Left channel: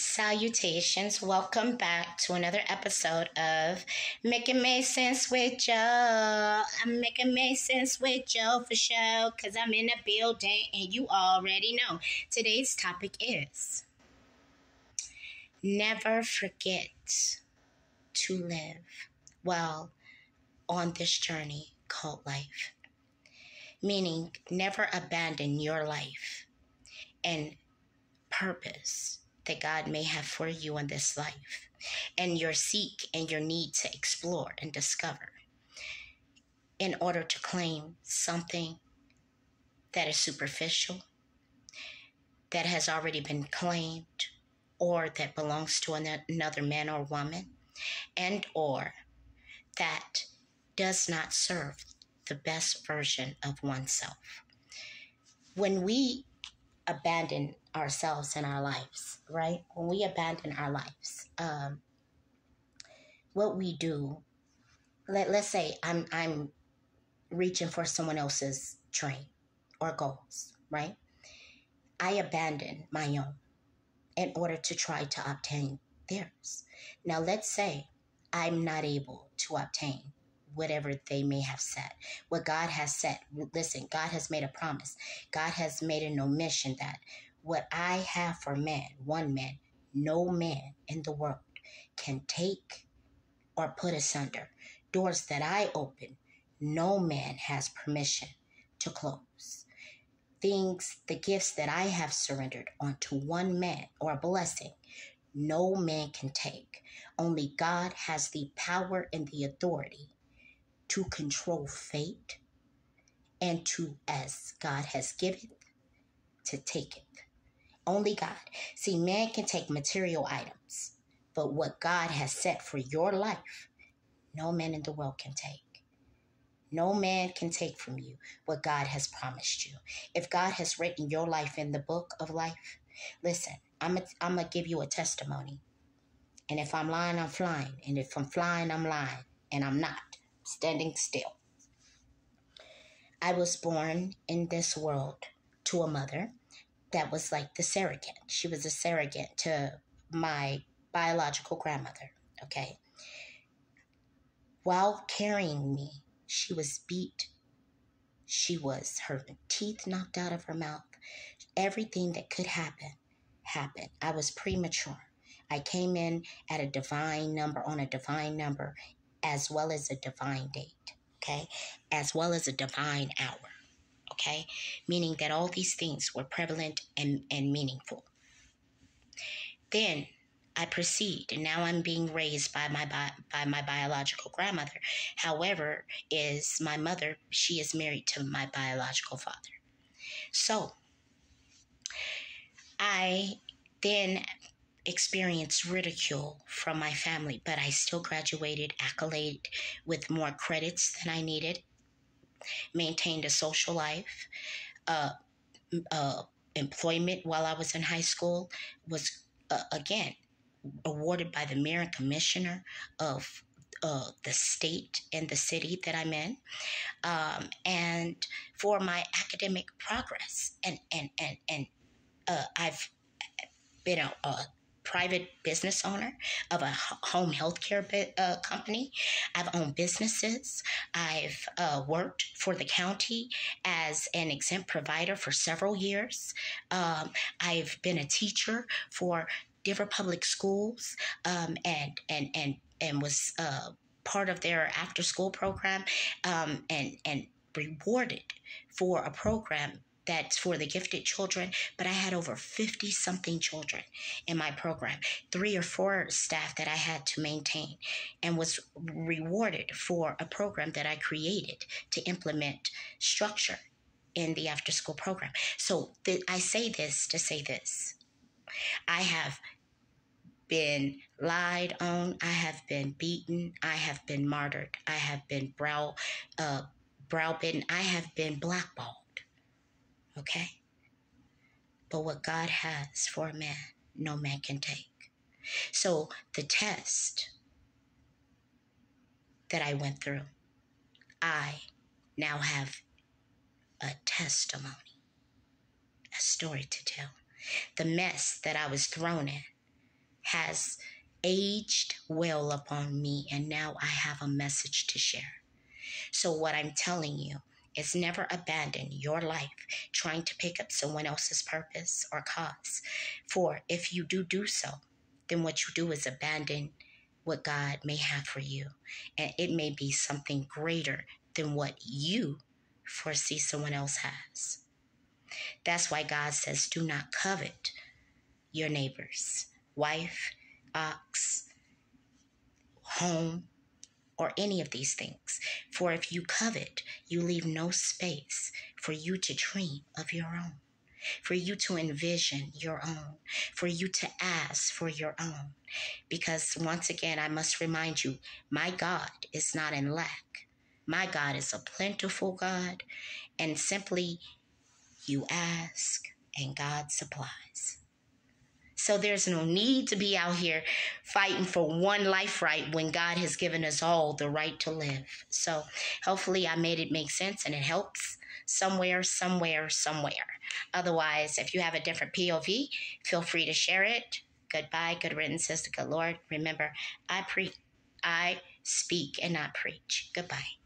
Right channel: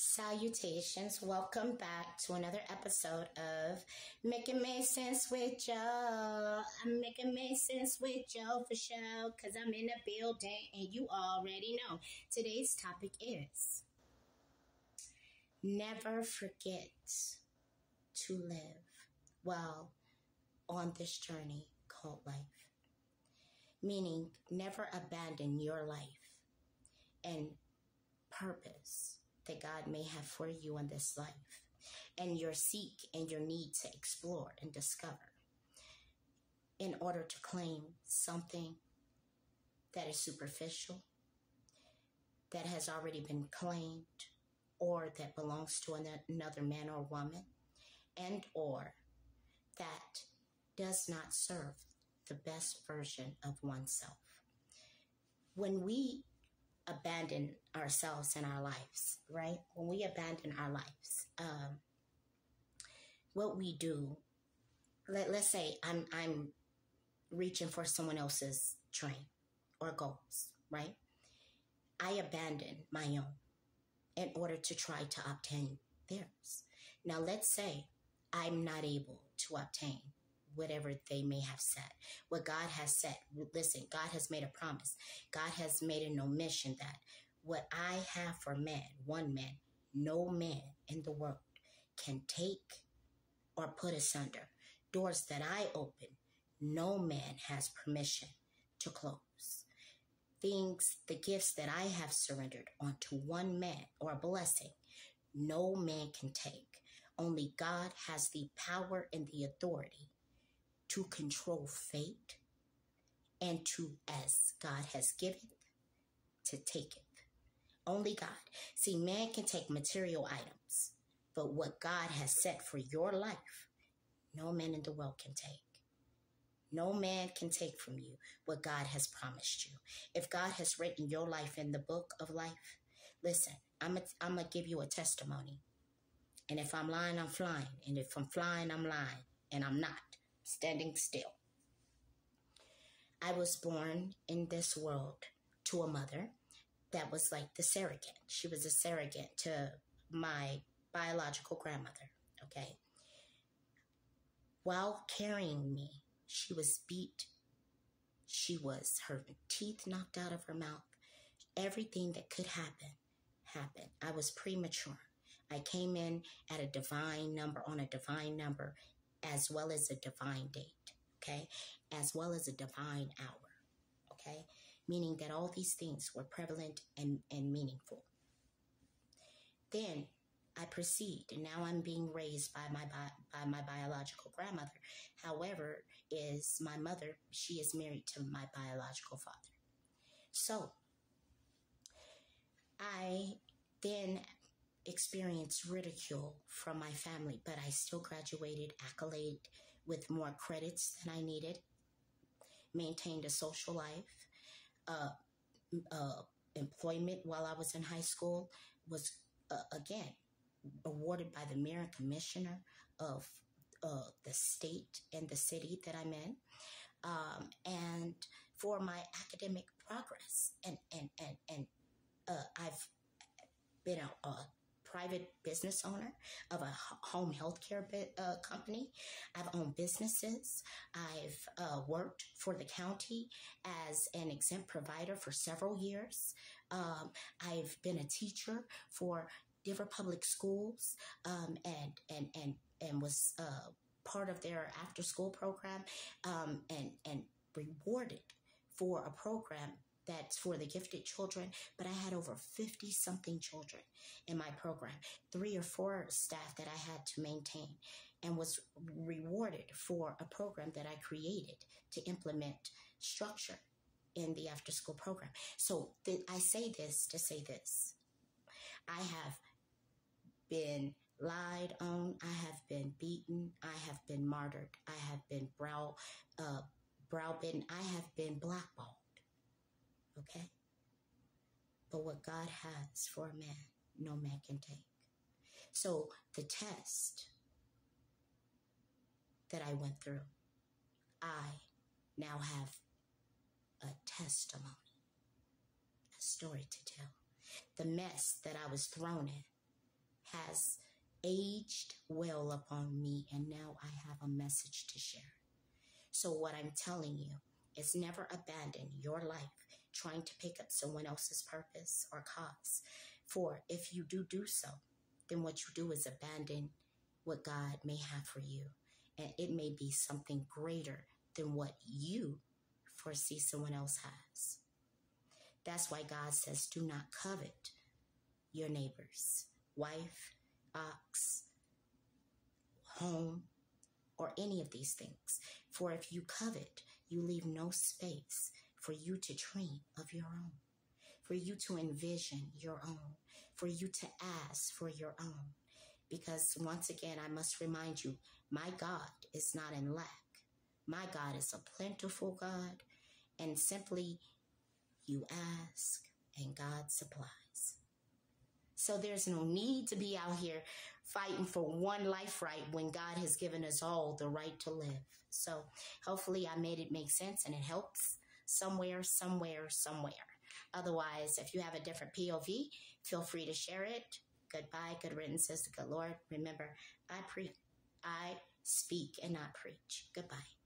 Salutations. Welcome back to another episode of Making Make Sense with Joe. I'm making make sense with Joe for sure because I'm in the building and you already know. Today's topic is never forget to live well on this journey called life. Meaning never abandon your life and purpose that God may have for you in this life, and your seek and your need to explore and discover in order to claim something that is superficial, that has already been claimed, or that belongs to another man or woman, and or that does not serve the best version of oneself. When we abandon ourselves in our lives, right? When we abandon our lives, what we do, let's say I'm reaching for someone else's dream or goals, right? I abandon my own in order to try to obtain theirs. Now, let's say I'm not able to obtain whatever they may have said, what God has said. Listen, God has made a promise. God has made an omission that what I have for man, one man, no man in the world can take or put asunder. Doors that I open, no man has permission to close. Things, the gifts that I have surrendered onto one man or a blessing, no man can take. Only God has the power and the authority to control fate and to, as God has given, to take it. Only God. See, man can take material items, but what God has set for your life, no man in the world can take. No man can take from you what God has promised you. If God has written your life in the book of life, listen, I'm going to give you a testimony. And if I'm lying, I'm flying. And if I'm flying, I'm lying. And I'm not standing still. I was born in this world to a mother that was like the surrogate. She was a surrogate to my biological grandmother, okay? While carrying me, she was beat. Her teeth knocked out of her mouth. Everything that could happen, happened. I was premature. I came in at a divine number, on a divine number, as well as a divine date, okay? As well as a divine hour, okay? Meaning that all these things were prevalent and meaningful. Then I proceed, and now I'm being raised by my biological grandmother. However, is my mother, she is married to my biological father. So I then experienced ridicule from my family, but I still graduated, accolade with more credits than I needed, maintained a social life, employment while I was in high school, was again awarded by the mayor and commissioner of the state and the city that I'm in, and for my academic progress. And I've been a private business owner of a home healthcare company. I've owned businesses. I've worked for the county as an exempt provider for several years. I've been a teacher for different public schools, and was part of their after school program, and rewarded for a program that's for the gifted children. But I had over 50 something children in my program, 3 or 4 staff that I had to maintain, and was rewarded for a program that I created to implement structure in the after school program. So I say this to say this. I have been lied on. I have been beaten. I have been martyred. I have been browbeaten. I have been blackballed. Okay? But what God has for a man, no man can take. So the test that I went through, I now have a testimony, a story to tell. The mess that I was thrown in, has aged well upon me, and now I have a message to share. So, what I'm telling you is never abandon your life trying to pick up someone else's purpose or cause. For if you do so, then what you do is abandon what God may have for you. And it may be something greater than what you foresee someone else has. That's why God says, do not covet your neighbor's wife, ox, home, or any of these things. For if you covet, you leave no space for you to dream of your own, for you to envision your own, for you to ask for your own. Because once again, I must remind you, my God is not in lack. My God is a plentiful God, and simply you ask and God supplies. So there's no need to be out here fighting for one life right when God has given us all the right to live. So hopefully I made it make sense and it helps somewhere. Otherwise, if you have a different POV, feel free to share it. Goodbye, good riddance, says the good Lord. Remember, I speak and not preach. Goodbye.